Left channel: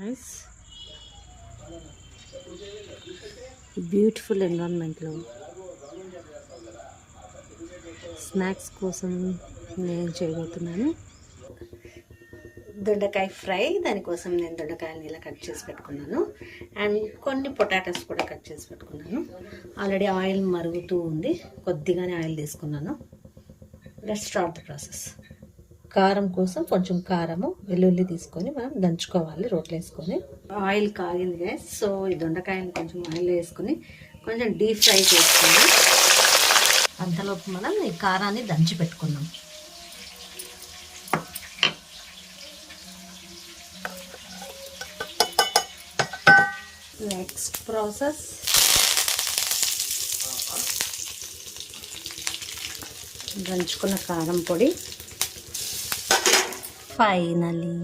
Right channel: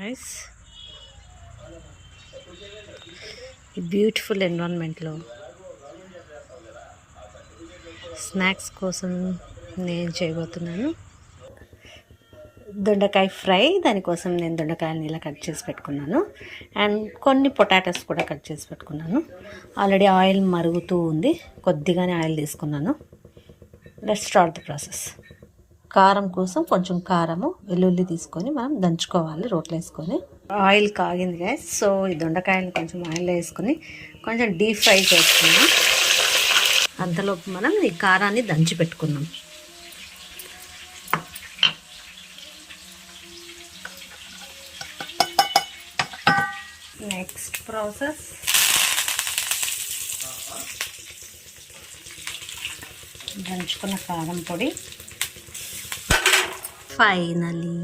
Guys, ఈ beautiful ఎన్విరాన్మెంట్లో snacks కోసం నేను చేయబోతున్నాను దొండకాయ ఫ్రై. దానికోసం నేను దొండకాయలని ఇలా కట్ చేసి పెట్టుకున్నాను అండ్ కొన్ని పొటాటోస్ కూడా కట్ చేసి పెట్టుకున్నాను. ఆల్రెడీ ఆయిల్ మరుగుతూ ఉంది, కొద్దిగానే ఆయిల్ తీసుకున్నాను. Let's start the process. కారం కోసం కొంచెం కారము, వెల్లుల్లి తీసుకొని మనం దంచుకోవాలి రోట్లో వేసుకొని. ఆయిల్ కాగింది గైస్, సో ఈ దొండకాయలు కొంచెం ఆయిల్లో వేసుకొని కొంచెం డీప్ ఫ్రై చేసుకున్నాం. అంతలోపు మనం ఈ కారాన్ని దంచి పెట్టుకున్నాం. నెక్స్ట్ ప్రాసెస్, దంచుకున్న కారం పొడి. ఫైనలీ